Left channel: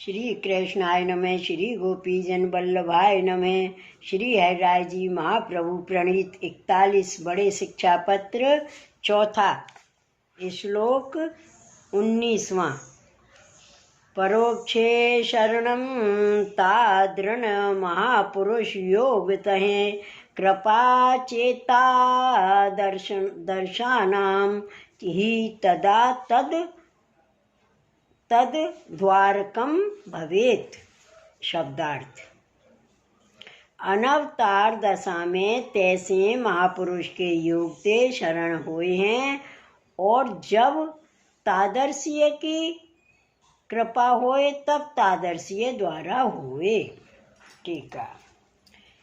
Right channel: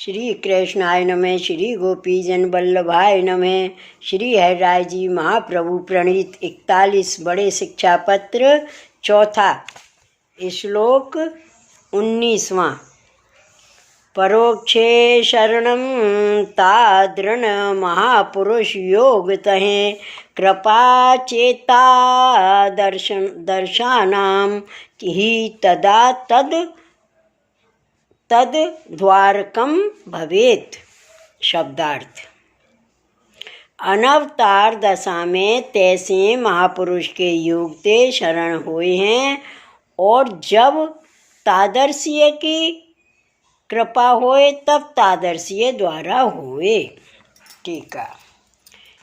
श्री कृष्णाय नमः। श्री गोपीजन वल्लभाय नमः। श्री हरिराय जी महाप्रभु प्रणीत 41 बड़े शिक्षा पत्र चौथा श्लोक 19वां। परोक्षे शरणं तादृण महापुरुष योगतः कृपा चेता दर्शानां ही तदा तद द्वारकम भवेत। शब्दार्थ। अनवतार दशा में तैसे महापुरुष के योग ते शरण हुए हैं, और जब तादर्शीय की कृपा होए तब तादर्शीय द्वारा होए। टीका।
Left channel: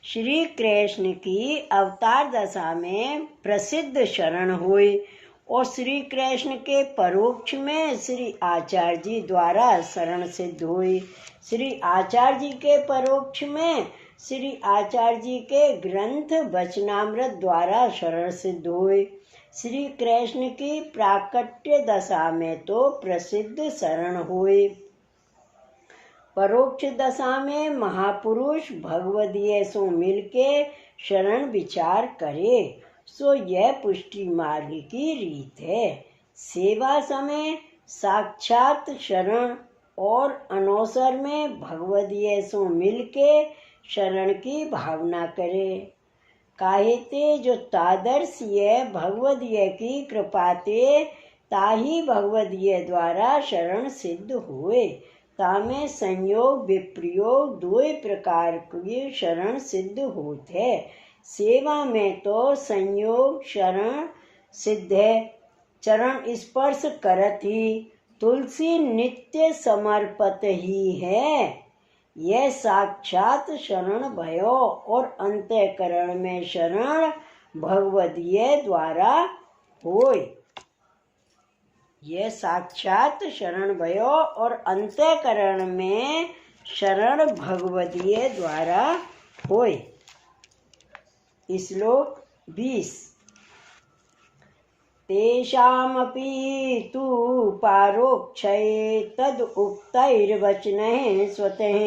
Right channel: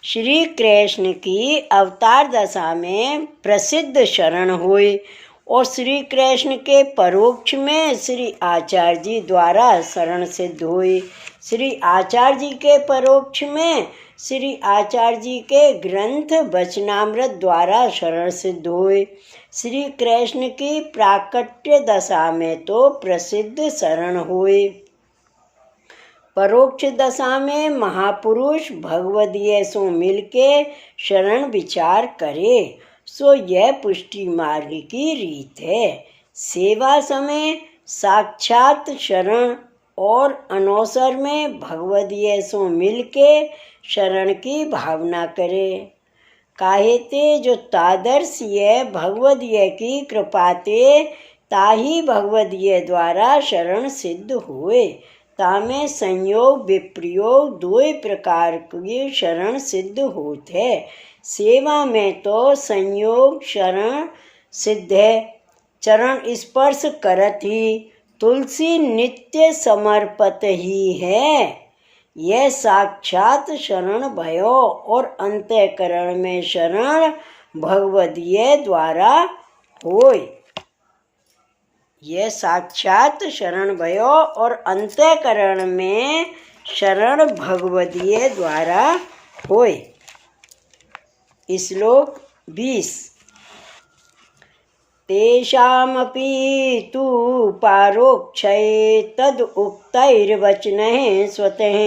श्री कृष्ण की अवतार दशा में प्रसिद्ध शरण हुए, और श्री कृष्ण के परोक्ष में श्री आचार्य जी द्वारा शरण सिद्ध हुई। श्री आचार्य जी के परोक्ष में श्री आचार्य जी के ग्रंथ वचनामृत द्वारा शरण सिद्ध हुए। श्री कृष्ण की प्राकट्य दशा में तो प्रसिद्ध शरण हुए। परोक्ष दशा में महापुरुष भगवदीय सो मिलके शरण विचार करे, सो यह पुष्टि मार्ग की रीत है। सेवा समय साक्षात शरण और अनवसर में भगवदीय सो मिलके शरण की भावना करे। काहेते जो तादर्शीय भगवदीय की कृपाते ताही भगवदीय द्वारा शरण सिद्ध हुए। तामे संयोग विप्रयोग दो प्रकार की शरण सिद्ध होते है। सेवा में तो संयोग शरण सिद्ध है, चरण स्पर्श करत ही तुलसी नित्य समर्पत ही है। यह साक्षात शरण भयो, और अंतःकरण में शरण भगवदीय द्वारा होय। यह साक्षात शरण भयो, और अंतःकरण में शरण भगवदीय द्वारा होय। श्लोक 20। तेषामपि तु पारोक्षये तद उक्तैर्वचनैः स्वतः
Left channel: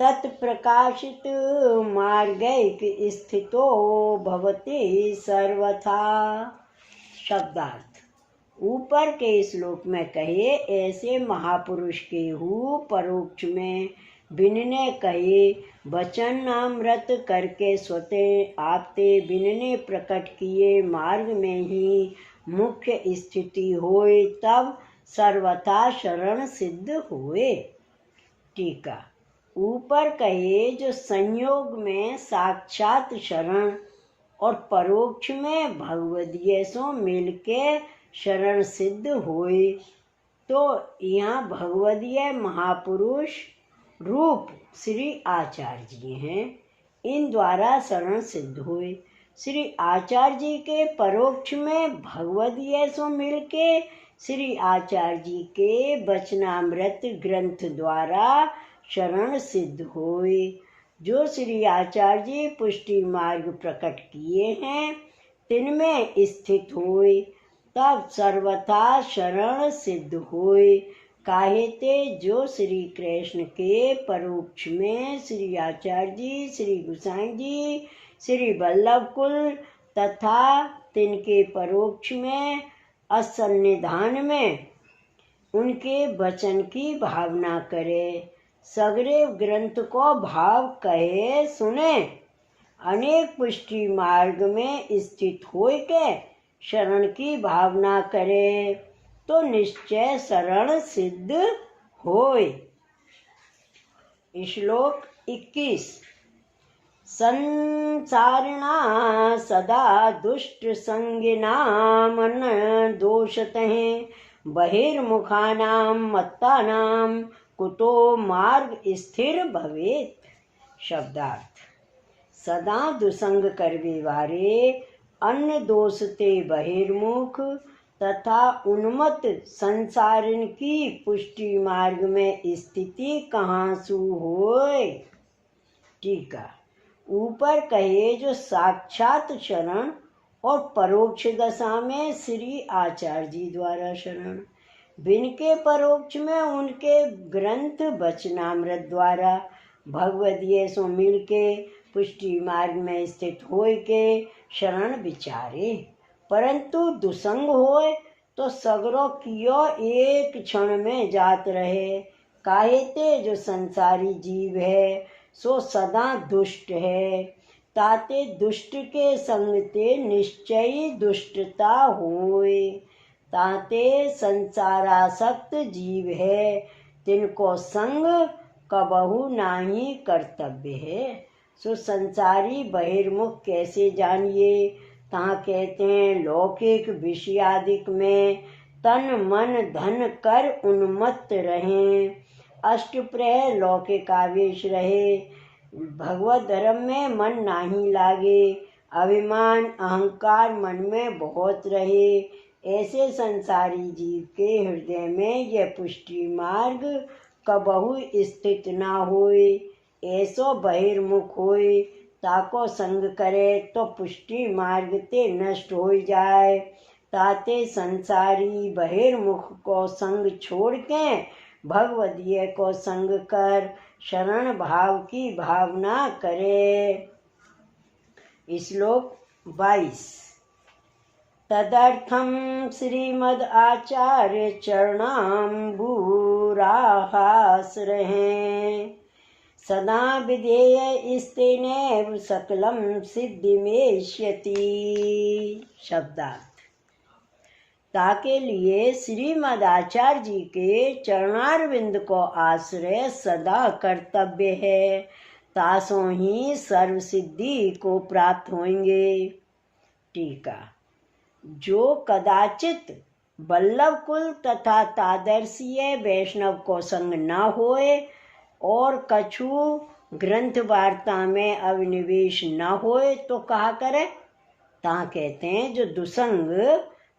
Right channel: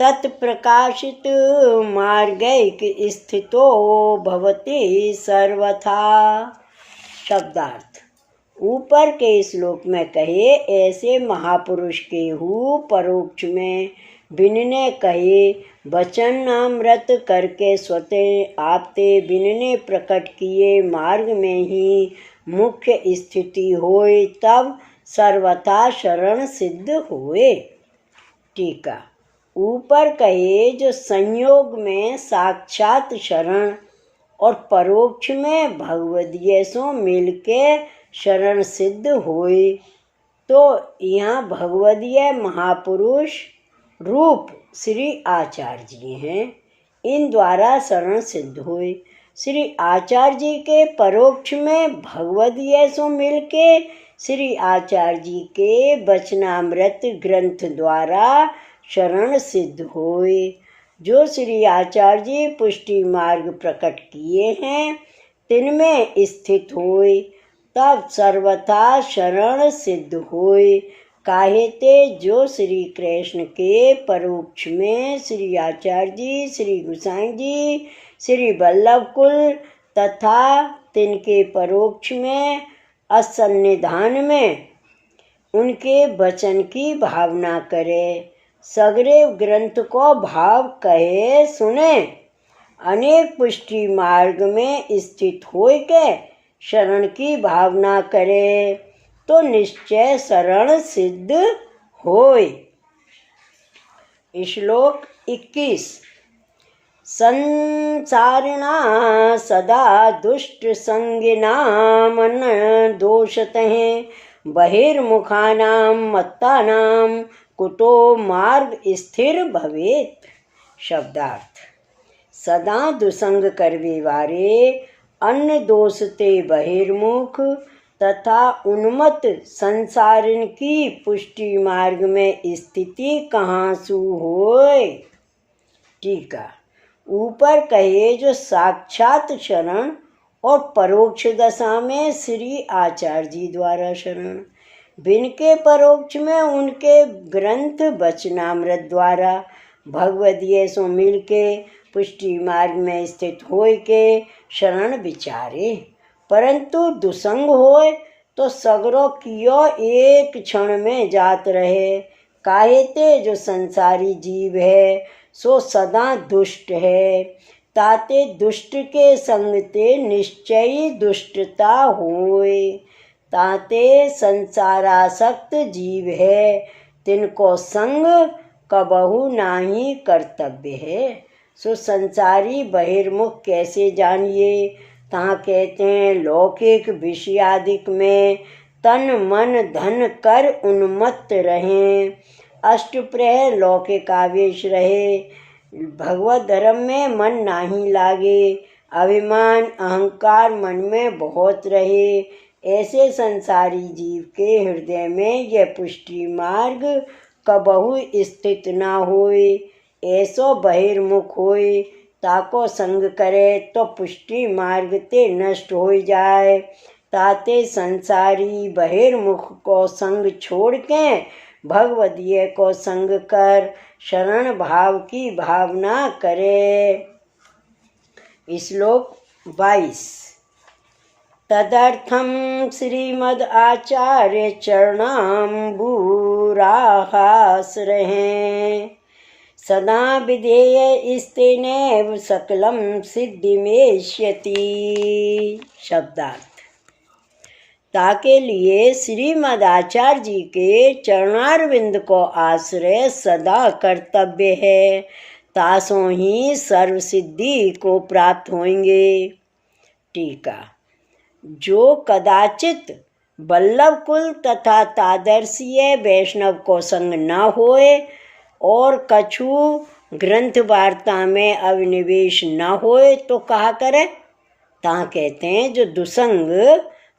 तत्प्रकाशित मार्गैक स्थितो भवति सर्वथा। शब्दार्थ। ऊपर के श्लोक में कहे ऐसे महापुरुष के हु परोक्ष में बिनने कहे वचनामृत करके स्वतः आपते बिनने प्रकट किए मार्ग में ही मुख्य स्थिति होए, तब सर्वथा शरण सिद्ध होए। टीका। ऊपर कहे जो संयोग में साक्षात शरण और परोक्ष में भगवदीय सो मिलके शरण सिद्ध होए, तो यहाँ भगवदीय महापुरुष रूप श्री आचार्य जी हैं, इन द्वारा शरण सिद्ध हुए। श्री आचार्य जी के परोक्ष में भगवदीय सो मिलके श्री आचार्य जी के वचनामृत ग्रंथ द्वारा शरण सिद्ध हुए। जो श्री आचार्य जी पुष्टि मार्ग प्रकट किए हैं, तिनमें स्थित हुए, तब सर्वथा शरण सिद्ध हुए। काहेते जो श्री कृष्ण के परोक्ष में श्री आचार्य जी, श्री गोसाई जी, श्री वल्लभ कुल तथा तिनके परोक्ष में असन्निधान में उनके वचन की भावना करे, सगरे ग्रंथ को भाव कहे सुने, अनेक पुष्टि मार्ग में स्थित होय के शरण की भावना करे, तो निश्चय शरण सिद्ध होय। श्लोक 21। संसारिणा सदा दुष्ट संगिनां मन दोषतः बहिर्मुखानां मत्तानां कुतो मार्ग स्थिर भवेत। शब्दार्थ। सदा दुसंग करवे वारे अन्य दोषते बहिर्मुख तथा उन्मत्त संसारिन की पुष्टि मार्ग में स्थिति कहाँ सु होय। टीका। ऊपर कहे जो साक्षात शरण और परोक्ष दशा में श्री आचार्य जी द्वारा शरण, बिन के परोक्ष में उनके ग्रंथ वचनामृत द्वारा भगवदीय सो मिल के पुष्टि मार्ग में स्थित होय के शरण विचारे। परंतु दुसंग होय तो सगरो कियो एक क्षण में जात रहे। काहे ते जो संसारी जीव है सो सदा दुष्ट है। ताते दुष्ट के संग ते निश्चयी दुष्टता होय। ताते संसारासक्त जीव है तिनको संग कबहु नाही कर्तव्य है। सो संसारी बहिर्मुख कैसे जानिए। तहाँ कहते हैं लौकिक विषयादिक में तन मन धन कर उन्मत्त रहें। अष्टप्रहर लौकिक आवेश रहे। भगवत धर्म में मन नाही लागे। अभिमान अहंकार मन में बहुत रहे। ऐसे संसारी जीव के हृदय में यह पुष्टि मार्ग कबहु स्थित ना होए। ऐसो बहिर्मुख होए ताको संग करे तो पुष्टि मार्ग ते नष्ट हो जाए। ताते संसारी बहिर्मुख को संग छोड़ के भगवदीय को संग कर शरण भाव की भावना करे। श्लोक 22। तदर्थम श्रीमद् आचार्य चरणाम्बुराहासरहें सदा विधेय स्तेनैव सकलम सिद्धिमेष्यति। शब्दार्थ। ताके लिए श्रीमद् आचार्य जी के चरणारविंद को आश्रय सदा कर्तव्य है। तासों ही सर्व सिद्धि को प्राप्त होंगे। टीका। जो कदाचित वल्लभ कुल तथा तादर्शीय वैष्णव को संग न होए और कछु ग्रंथ वार्ता में अविनिवेश न होए तो कहा करे। ता कहते हैं जो दुसंग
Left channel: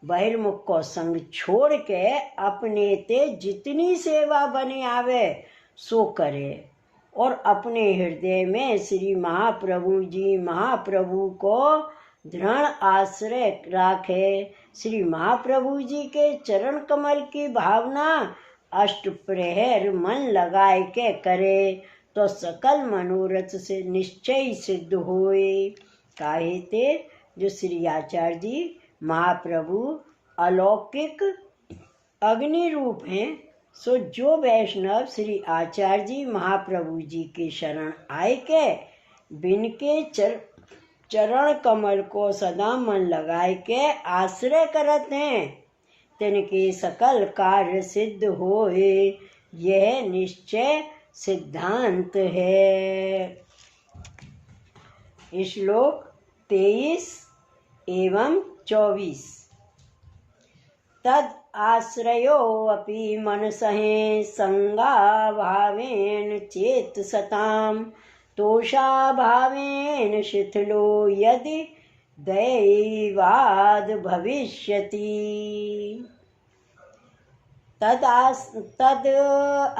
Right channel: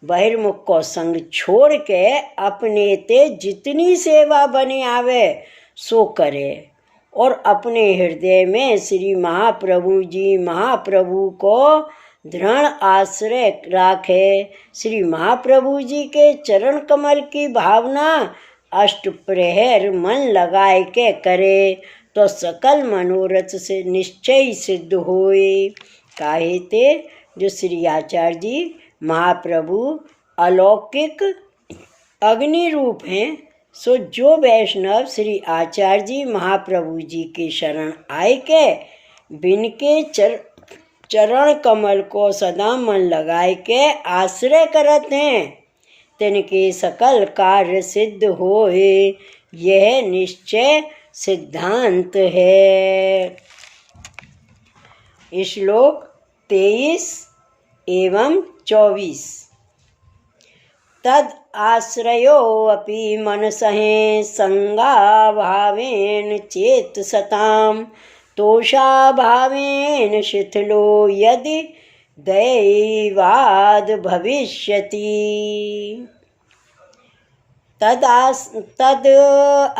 बहिर्मुख को संग छोड़ के अपने ते जितनी सेवा बने आवे सो करे और अपने हृदय में श्री महाप्रभु जी महाप्रभु को दृढ़ आश्रय राखे। श्री महाप्रभु जी के चरण कमल की भावना अष्टप्रहर मन लगाए के करे तो सकल मनोरथ से निश्चय सिद्ध होए। काहे ते जो श्री आचार्य जी महाप्रभु अलौकिक अग्नि रूप हैं। सो जो वैष्णव श्री आचार्य जी महाप्रभु जी के शरण आए के बिन के चरण कमल को सदा मन लगाए के आश्रय करत हैं तिनके सकल कार्य सिद्ध होए। यह निश्चय सिद्धांत है। श्लोक 23 एवं 24। तद आश्रयो अपि मनसहें संगाभावेन चेत सताम तोषाभावेन शिथिलो यदि दैवाद भविष्यति। तद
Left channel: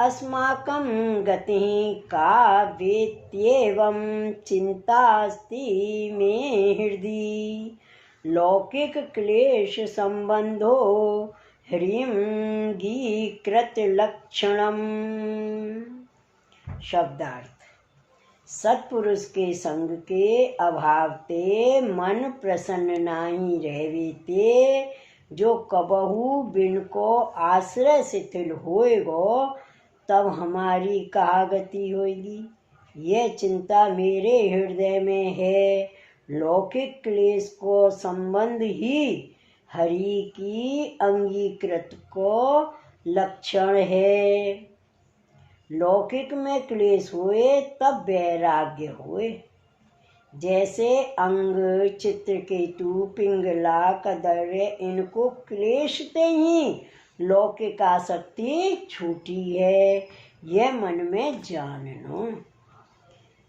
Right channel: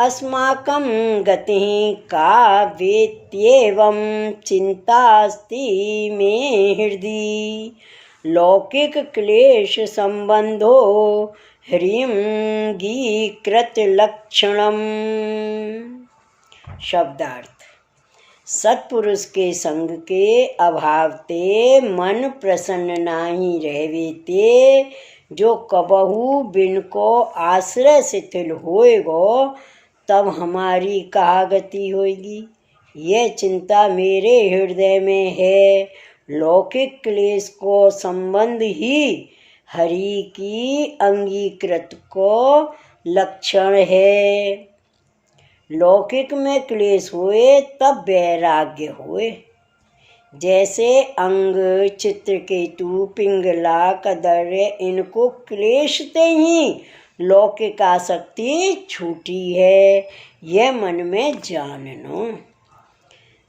अस्माकं गतिः का वेत्येवं चिन्तास्ति मे हृदि लौकिक क्लेश संबंधो ह्रींगीकृत लक्षणम्। शब्दार्थ। सत्पुरुष के संग के अभाव ते मन प्रसन्न नाही रहवे ते जो कबहू बिन को आश्रय शिथिल होएगो तब हमारी कहा गति होगी। यह चिंता मेरे हृदय में है। लौकिक क्लेश को संबंध ही हरि की अंगीकृत को लक्षण है। लौकिक में क्लेश हुए तब वैराग्य हुए। जैसे अंग चित्रकेतु पिंगला कदर्य इनको क्लेशते ही लौकिक आसक्ति छूटी है। यह मन में जाननो।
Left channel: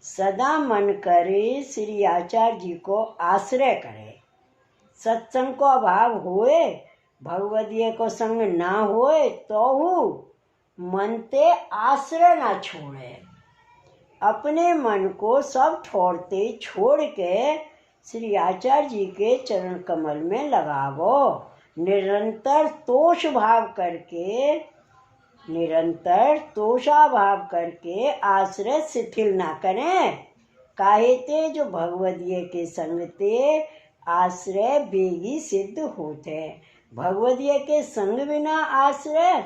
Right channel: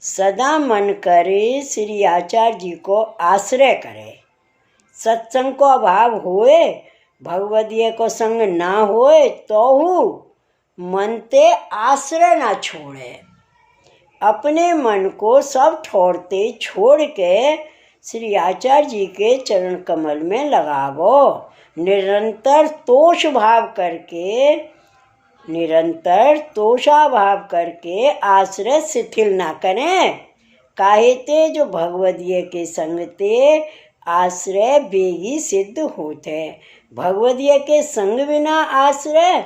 सदा मन करे श्री आचार्य जी को आश्रय करे। सत्संग को अभाव होए भगवदीय को संग ना होए तो मन ते आश्रय ना छोड़े। अपने मन को सब ठोरते छोड़ के श्री आचार्य जी के चरण कमल में लगावो निरंतर तोषाभाव करके आश्रय शिथिल ना करें। काहे ते जो भगवदीय के संग ते आश्रय बेगी सिद्ध होते। भगवदीय के संग बिना आश्रय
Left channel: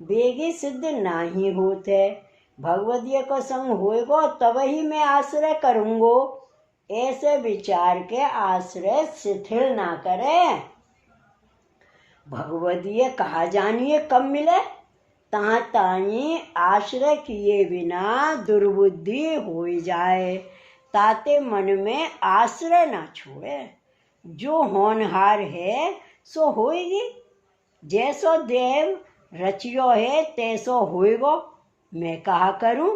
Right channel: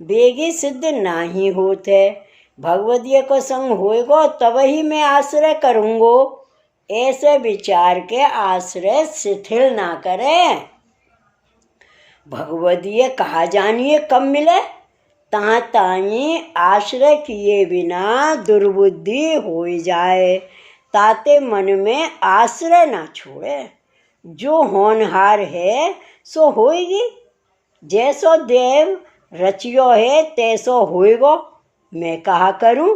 बेगी सिद्ध नाही होते। भगवदीय को संग होएगो तब ही मैं आश्रय करूँगो। ऐसे विचार के आश्रय शिथिल ना करें। भगवदीय कहा जानिए कब मिले, ता ताई आश्रय किए बिना दुर्बुद्धि हो जाए, ताते मन में आश्रय ना छोड़े। जो होनहार है सो होएगी, जैसो देव रचियो है तैसो होएगो। मैं कहा करूं,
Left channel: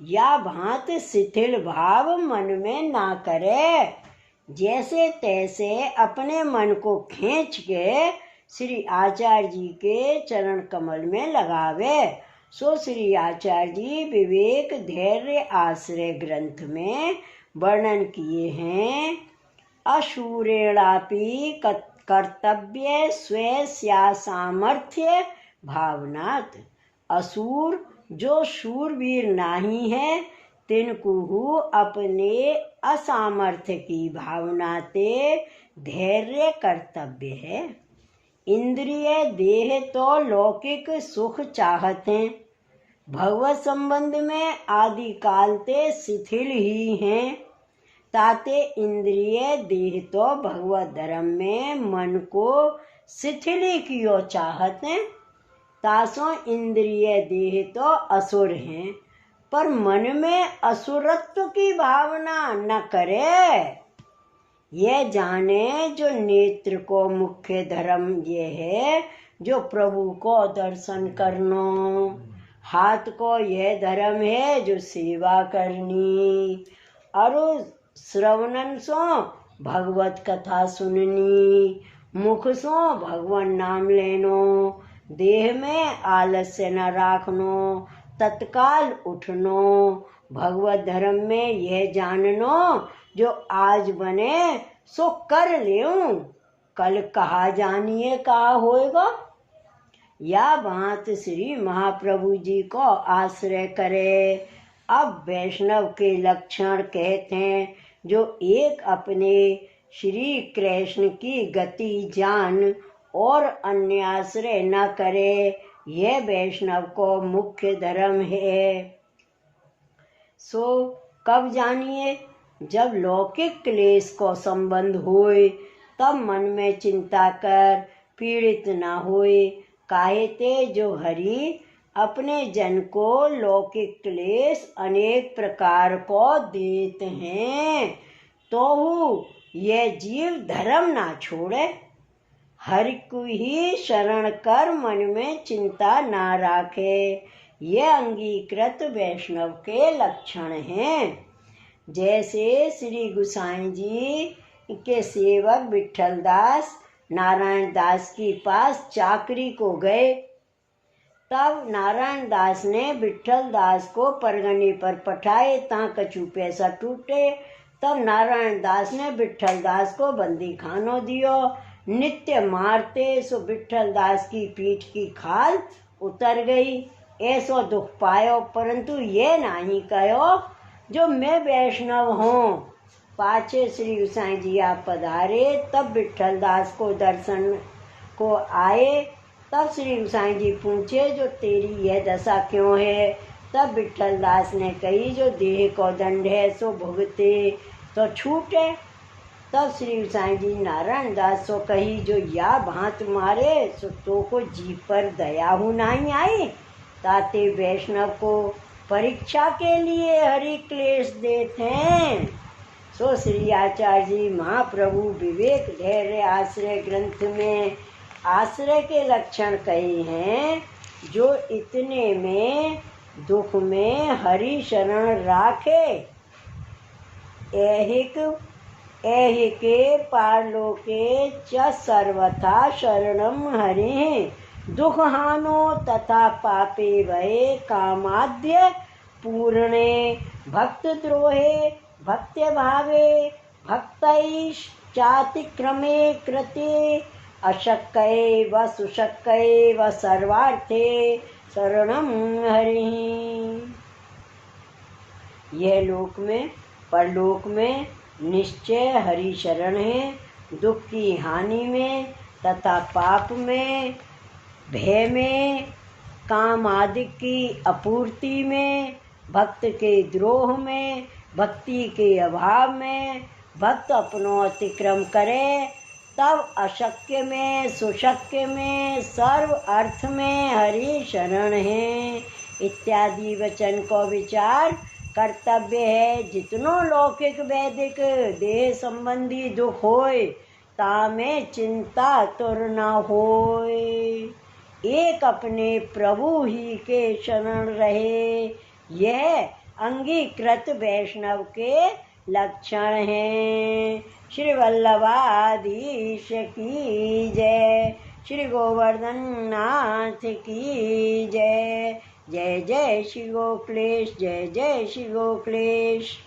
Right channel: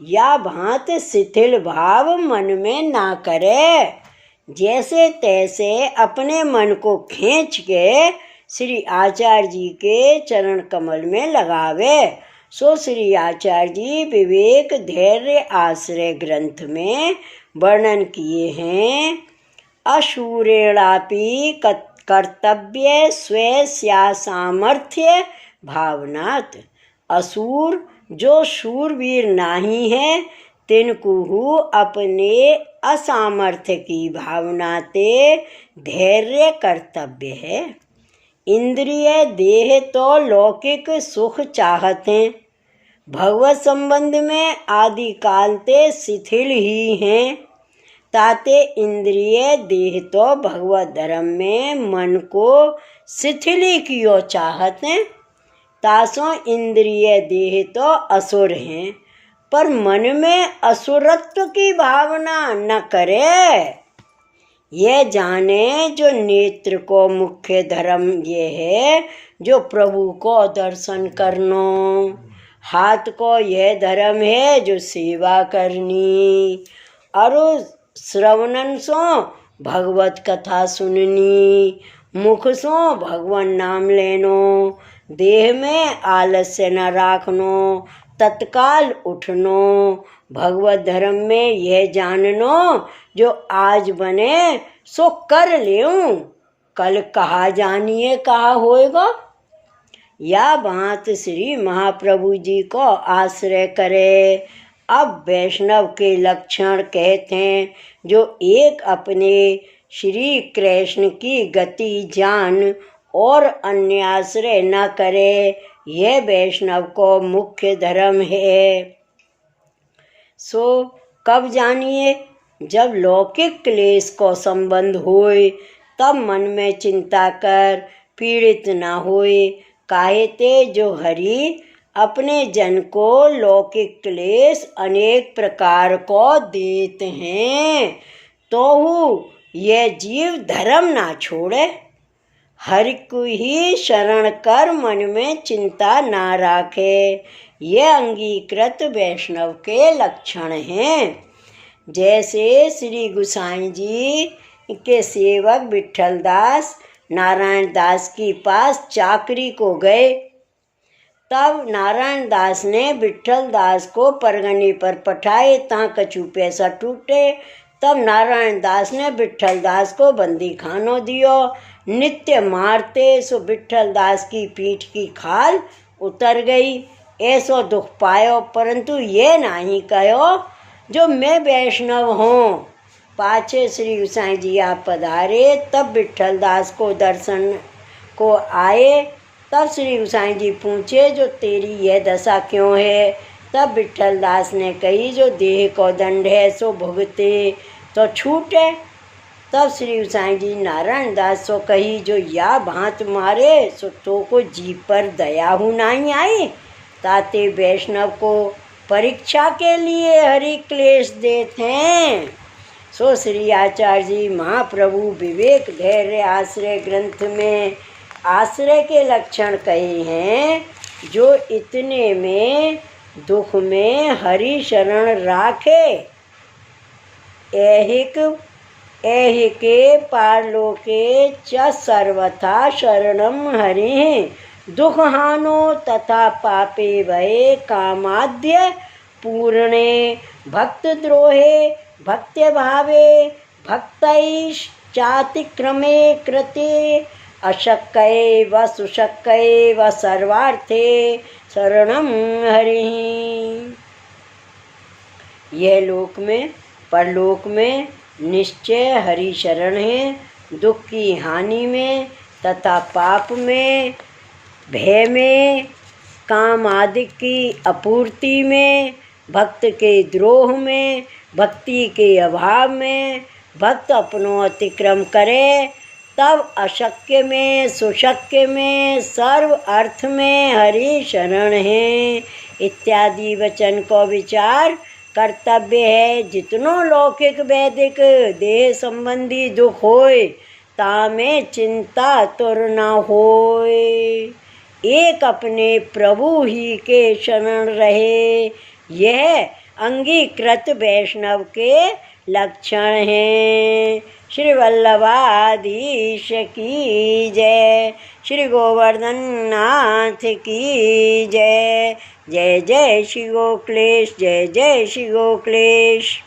या भांत शिथिल भाव मन में ना करे। जैसे तैसे अपने मन को खींच के श्री आचार्य जी के चरण कमल में लगावे। सो श्री आचार्य जी विवेक धैर्य आश्रय ग्रंथ में वर्णन किए हैं। अशूरेणापि कर्तव्य स्वेस्या सामर्थ्य भावनात्। असुर जो शूरवीर नहीं है तिनको अपने असामर्थ्य की भावना ते धैर्य कर्तव्य है। इंद्रिय देह तो लौकिक सुख चाहते, भगवत संबंध में आदि काल ते शिथिल ही हैं। ताते इंद्रिय देह तो भगवत धर्म में मन को शिथिल ही कियो चाहते। तासों इंद्रिय देह तो असुर हैं, पर मन में असुरत्व की भावना न करे। ये जाने जो नेत्र को मुख्य धर्म ये है जो प्रभु को दर्शन करनो, हाथ को यह धर्म है जो सेवा करनी, और श्रवणन सो भगवत कथा सुननी, मुख सो भगवान नाम लेनो, देह में आलस्य न राखनो, तत्काल उठनो। भगवत धर्म में यह जाननो जो आज बने सो कर लेऊं, कल कहा जानिए कहा होएगा। या बात श्री महाप्रभु जी को आश्रय करे। अब वैष्णव के लक्षण कहते हैं जो एक अपने श्री कृष्ण की गति जान और अन्य आश्रय न करे, यह वैष्णव को मुख्य धर्म है। सो कब जानिए, जब लौकिक क्लेश को संबंध होए तब मन में चिंता कर पीड़ित न होए। काहे ते जो हरि अपने जन को लौकिक क्लेश अनेक प्रकार को देते हैं, तो यह जीव धर्म ना छोड़े। हरि को ही शरण कर मन में चिंता ना राखे। ये अंगीकृत वैष्णव के लक्षण हैं। जैसे श्री गोसाई जी के सेवक विट्ठल दास नारायण दास के पास चाकरी को गए, तब नारायण दास ने विट्ठल दास को परगने पर पठाए, ता कछु पैसा टूटे। तब नारायण दास ने विट्ठल दास को बंदी खानो दियो। नित्य मारते सो विट्ठल दास की पीठ की खाल उतर गई। ऐसो दुख पायो, परंतु ये नहीं कहो जो मैं वैष्णव हूँ। पाछे श्री गोसाई जी आप पधारे, तब विट्ठल दास को दर्शन को आए। तब श्री गोसाई जी पूछे जो तेरी यह दशा क्यों है। तब विट्ठल दास ने कही जो देह को दंड है सो भुगते तो छूटे। तब श्री गोसाई जी नारायण दास सो कही जो या भांत मारे सो तो को जी पर दया हूँ नहीं आई। ताते वैष्णव को परीक्षा के लिए हरि क्लेश देते हैं। सो श्री आचार्य जी महाप्रभु विवेक धैर्य आश्रय ग्रंथ में आश्रय के लक्षण कहे हैं। जो इतने में दुख में हरि शरण राखे, ऐहिके पारलोके च सर्वथा शरणम हरि। दुख हानो तथा पापे भये कामाद्य पूर्णे। भक्त द्रोहे भक्त्य भावे भक्तैश्चातिक्रमे कृते अशक्य व सुशक्य व सर्वार्थे शरणं हरिः। यह लोक में परलोक में निश्चय हरि शरण है। दुख की हानि में तथा पाप में, भय में, काम आदि की अपूर्ति में, भक्त के द्रोह में, भक्ति के अभाव में भक्त अपनो अतिक्रम करे, तब अशक्य में सुशक्य में सर्व अर्थ में हरि शरण है इत्यादि वचन को विचार कर्तव्य है। जितनो लौकिक वैदिक देह संबंधी दुख होय तामें चिंता तुर न होय। एक अपने प्रभु ही के शरण रहे, यह अंगीकृत वैष्णव के लक्षण हैं। श्री वल्लभाधीश की जय। श्री गोवर्धन नाथ की जय। जय जय श्री गोक्लेश, जय जय श्री गोक्लेश।